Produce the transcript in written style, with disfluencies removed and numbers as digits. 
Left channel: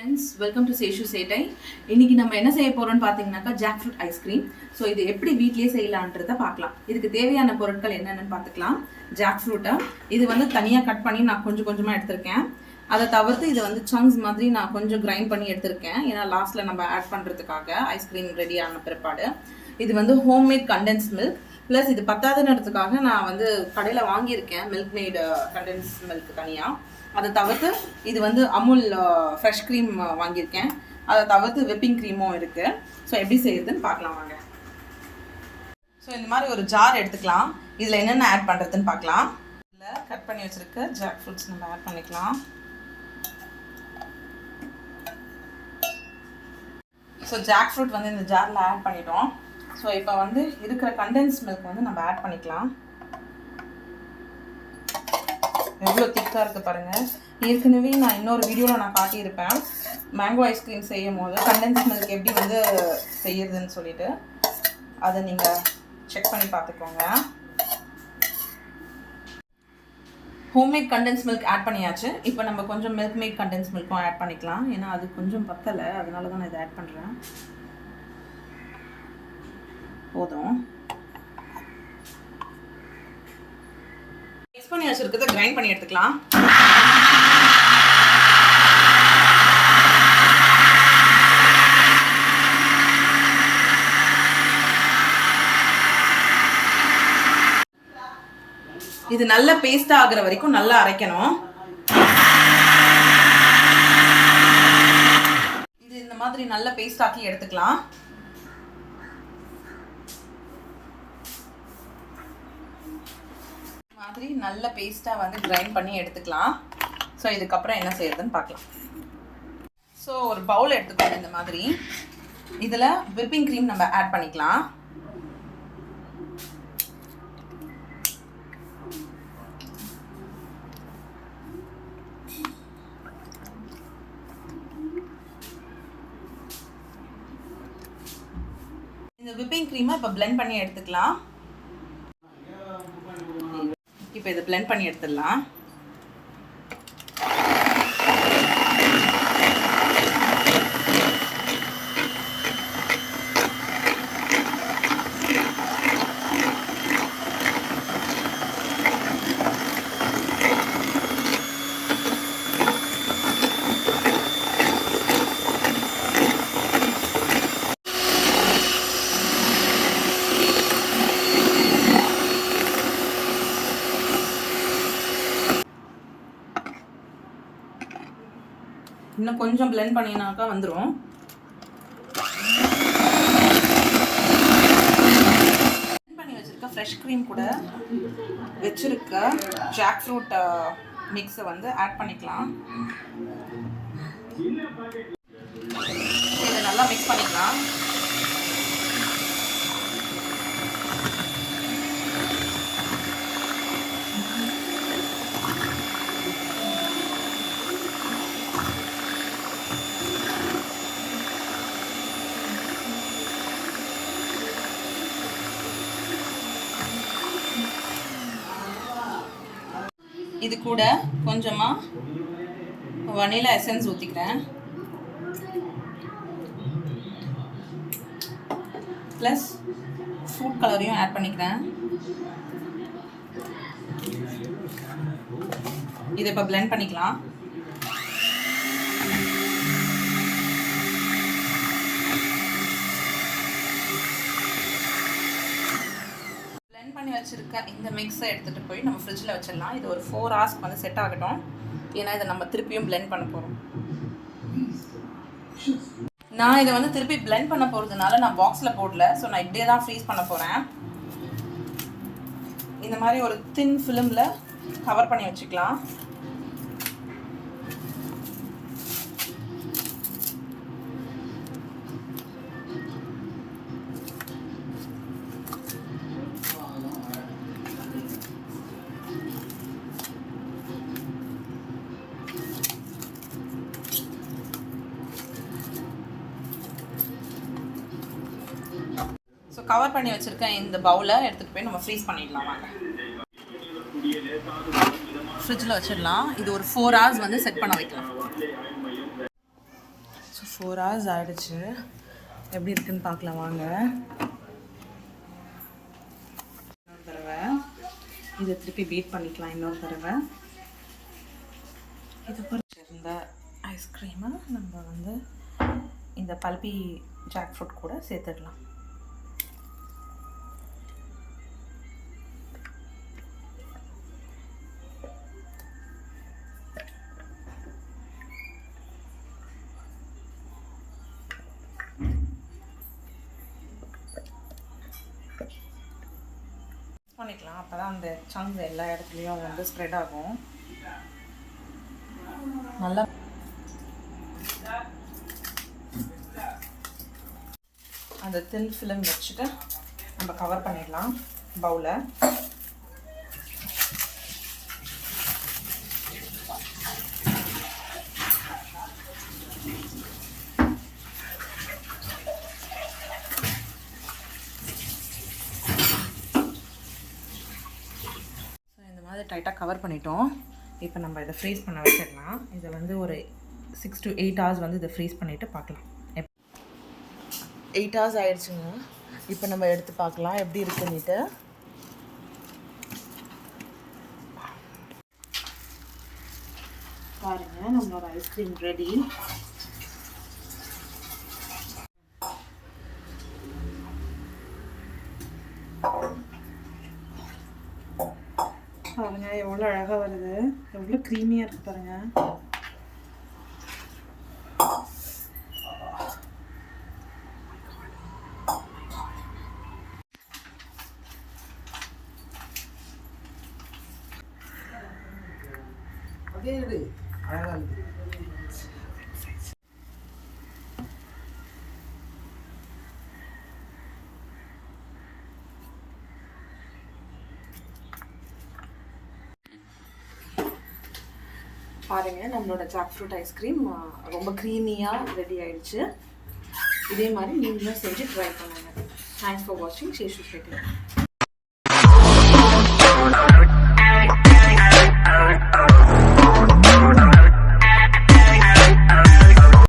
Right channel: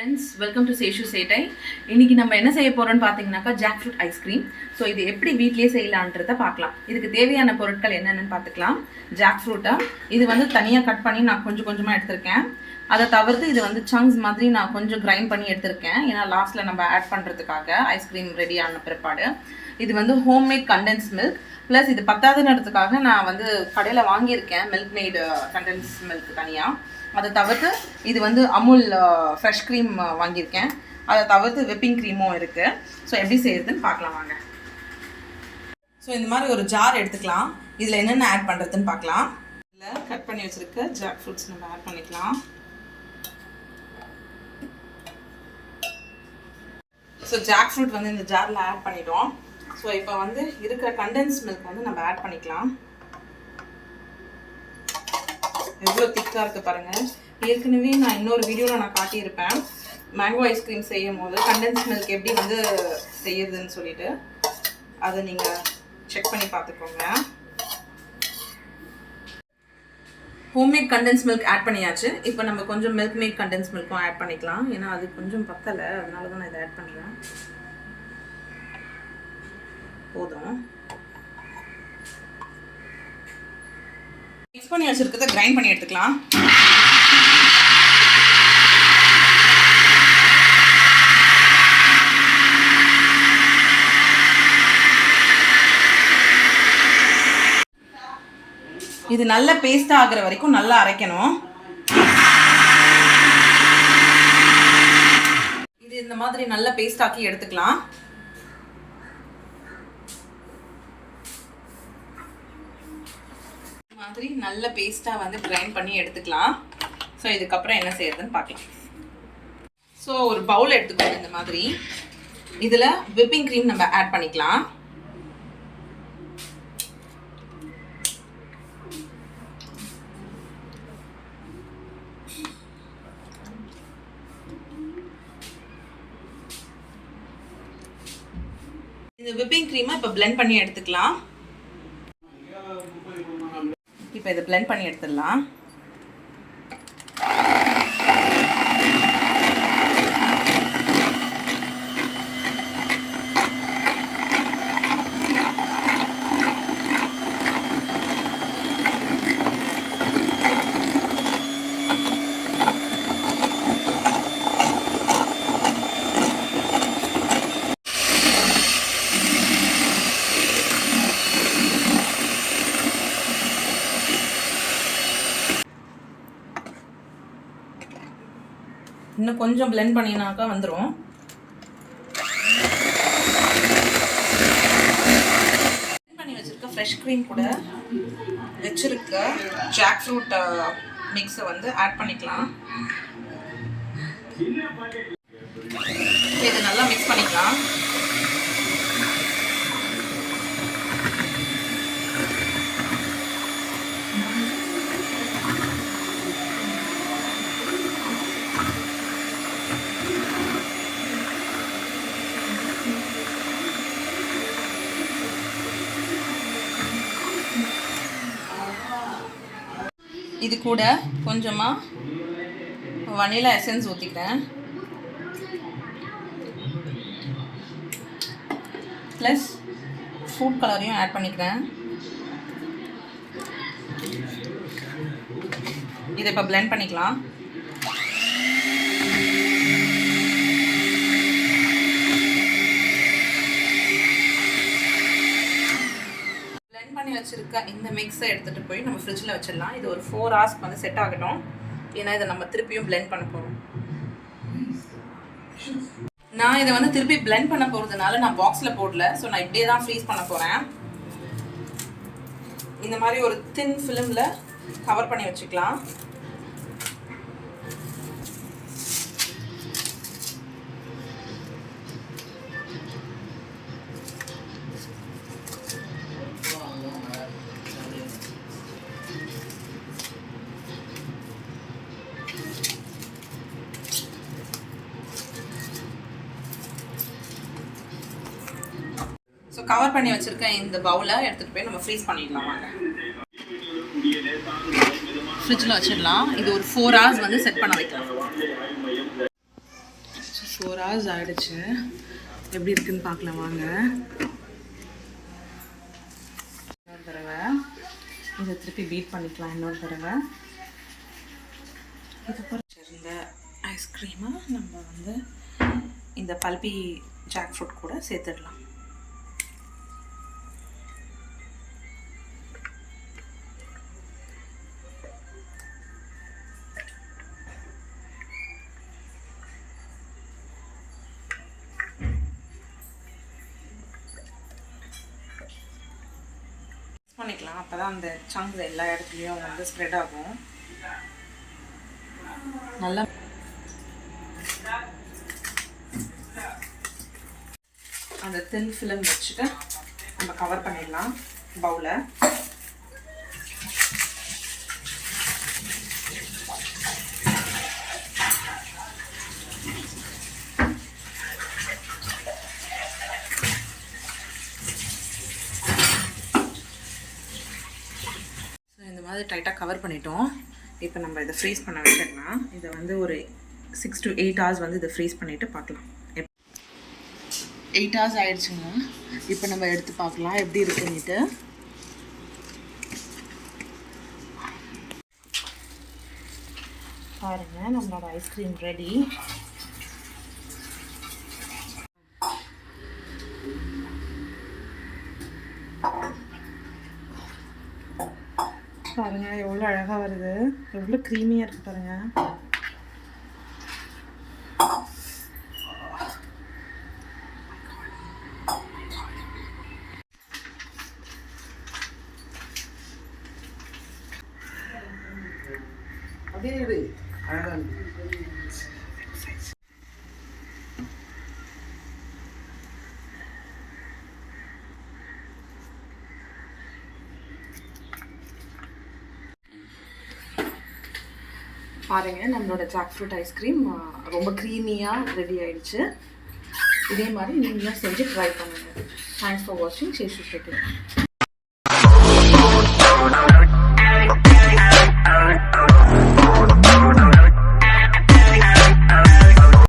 Friends, welcome to Seshu சேட்டை. இன்றைக்கி நம்ம என்ன செய்ய போகிறோம்னு பார்த்தீங்கன்னாக்கா ஜாக்ஃப்ரூட் ஐஸ்கிரீம். ஸோ இது எப்படி வீட்லேயே செய்யலான்றதை பார்க்கலாம். இதுக்கு தேவையான பொருட்கள் என்னென்னு பார்த்துக்கலாம். ஜாக்ஃப்ரூட்டை இது வந்து தனியாக கட் பண்ணி நான் கொஞ்சம் கொஞ்சமாக எடுத்திருக்கேன். அதை தவிர்த்து இது வந்து சங்க்ஸ் மாதிரி நான் கொஞ்சம் கிரைண்ட் பண்ணி எடுத்திருக்கேன். ஏன்னா லாஸ்ட்டில் நம்ம ஆட் பண்ணுறதுக்காக ஐஸ்கிரீம் ரெடி ஆன பிற்பாடு. இது வந்து ஹோம்மேட் கண்டென்ஸ் மில்க் ப்ளஸ் இது பத்தாதுன்றதுக்காக நான் வந்து கடையில் வாங்கியிருக்கேன் மில்க் மேட் கண்டென்ஸ் மில்க் தனியாக. அதை தவிர்த்து இது வந்து அமுல் ஃப்ரெஷ் க்ரீம் வாங்கியிருக்கேன். அதை தவிர்த்து விப்பிங் க்ரீமும் இருக்குது. ஸோ எப்படி செய்யறதுன்னு பார்க்கலாம் வாங்க. ஸோ இந்த மாதிரி ஒரு ஜார் எடுத்துக்கலாம். இதில் என்னென்ன ஆட் பண்ணுறதுன்னு பார்க்கலாம். இதில் கட் பண்ணி வச்சுருக்க ஜாக் ஃப்ரூட்ஸ் நம்ம ஆட் பண்ணிக்கலாம். ஸோ ஜாக் ஃப்ரூட் வந்து இந்த ஜாரில் ஆட் பண்ணிட்டோம். ஸோ இப்போ வந்து இருக்கிற கண்டென்ஸ் மில்க் வந்து நம்ம ஆட் பண்ணிக்கலாம். எவ்வளோ திக்காக இருக்குது பாருங்கள். ஏற்கனவே நான் இன்னொரு வீடியோவில் நான் காட்டியிருப்பேன் மேங்கோ ஐஸ்கிரீம் செய்யும் போது கண்டென்ஸ் மில்க் எப்படி வந்து செய்யுதுன்னு சொல்லிட்டு. அதை நீங்கள் செக் பண்ணி பார்த்துக்கோங்க. ஹோம்மேட் கண்டென்ஸ் மில்க் ஆட் பண்ணியாச்சு. இப்போ நம்ம கொஞ்சம் மில்க் மேட் கண்டென்ஸ் மில்க்கும் ஆட் பண்ணிக்கலாம். ஏன்னா அது கொஞ்சம் பத்தலை, அதனால தான் நான் இதை ஆட் பண்ணுறேன். போதும். மிக்ஸ் பண்ணி வச்சிருக்கிறத கிரைண்ட் பண்ணி எடுத்துக்கலாம். இது நல்ல பேஸ்ட் ஆகுற வரைக்கும் நல்லா அரைக்கணும். இது இந்த மாதிரி நல்ல பேஸ்ட் ஆக்கி எடுத்துக்கலாம். மாதிரி நல்ல பேஸ்ட்டாக வந்து கிரைண்ட் பண்ணி எடுத்துக்கலாம். ஸோ இதுக்கப்புறம் என்ன செய்யறதுன்னு பார்க்கலாம். ஸோ ஒரு பவுல் எடுத்துக்கோங்க. இந்த மாதிரி இதில் விப்பிங் க்ரீம் நம்ம ஆட் பண்ணிக்கலாம். இந்த விப்பிங் க்ரீமை இப்போ பிளெண்ட் பண்ணி எடுத்துக்கலாம். இப்போ இதை பிளெண்ட் பண்ணி எடுத்துடலாம். இன்னும் கொஞ்சம் பிளெண்ட் பண்ணினாக்கா வந்துடும். பிளெண்ட் பண்ணி வச்சுருக்க ஃப்ரெஷ் க்ரீம் கூட வச்சுருக்க ஜாக் ஃப்ரூட் மிக்ஸை வந்து ஆட் பண்ணிக்கலாம். இதை நல்லா மிக்ஸ் பண்ணிக்கலாம். இது கூட கொஞ்சமாக வனிலா எசன்ஸ் ஊற்றிக்கிறேன். ப்ளஸ் ஃபுட் கலரையும் ஆட் பண்ணிக்கிறேன். இதை இப்போ பிளெண்ட் பண்ணிக்கலாம். பண்ணி வச்சிருக்க இந்த மிக்ஸை எடுத்துகிட்டு போய் நம்ம ஃப்ரிட்ஜில் வச்சிடலாம். இது ஒரு 4 hours வந்து செட் ஆகட்டும். ஏன்னா இதை நம்ம திருப்பியும் பிளெண்ட் பண்ண போகிறோம். நான் இதை வந்து திருப்பி பிளெண்ட் பண்ண போகிறதுனால நான் பாக்ஸில் போடல. ஸோ நான் இப்படியே தான் ஃப்ரீஸ் பண்ண போகிறேன். இந்த மாதிரி ஒரு தின் ஃபிலிமில் கவர் பண்ணி வச்சுக்கலாம். கவர் பண்ணி வச்சிருக்கேன் இந்த பவுலை எடுத்துகிட்டு போய் நம்ம ஃப்ரீஸ் பண்ணிடலாம். வாங்க. ஃப்ரிட்ஜில் வச்சிடலாம். இது ஒரு 4 hours வந்து செட் பண்ண வைக்கலாம். 4 hours ஆயிடுச்சு. எப்படி இருக்குன்னு பார்க்கலாம் வாங்க. இன்னொரு தடவை இதை திருப்பி பீட் பண்ணிக்கலாம். இன்னொரு தடவை இது பொறுத்திருந்த ஐஸ்கிரீமை நம்ம வந்து இந்த பல்பி ஜாக் ஃப்ரூட் கூட சேர்த்துடலாம். பண்ணிக்கலாம். அப்போ தான் அந்த சங்கு எல்லா இடத்துலையும் வந்து ஸ்ப்ரெட் ஆகும். நல்லா அந்த தின் ஃபிலிம் வச்சுட்டு நம்ம கவர் பண்ணிடலாம் பவுலை. அது டைட்டாக கவர் பண்ணிட்டோம். இப்போ நம்ம இதை ஃப்ரீஸ் பண்ண வச்சிடலாம். இதை வந்து ஒரு 6 to 8 hours வந்து இதை ஃப்ரீஸ் பண்ணிவிட்டு பார்க்கலாம். 8 hours ஆயிடுச்சுங்க. இப்போ நம்ம எடுத்து பார்க்கலாம் எப்படி இருக்குன்னுட்டு. பாருங்க நம்மளோட ஐஸ்கிரீம் ரெடி. பாருங்க எவ்வளோ அழகாக வருது, எவ்வளோ க்ரீமியாக இருக்குது பாருங்க. பாருங்க நம்மளோட ஜாக் ஃப்ரூட் ஐஸ்கிரீம் ரொம்ப க்ரீமியாக ரெடி ஆயிடுச்சு. இதே மாதிரி நீங்களும் செஞ்சு ட்ரை பண்ணுங்க. தேங்க்ஸ் ஃபார் வாட்சிங். சேஷு ஸ்பீக்கிங்.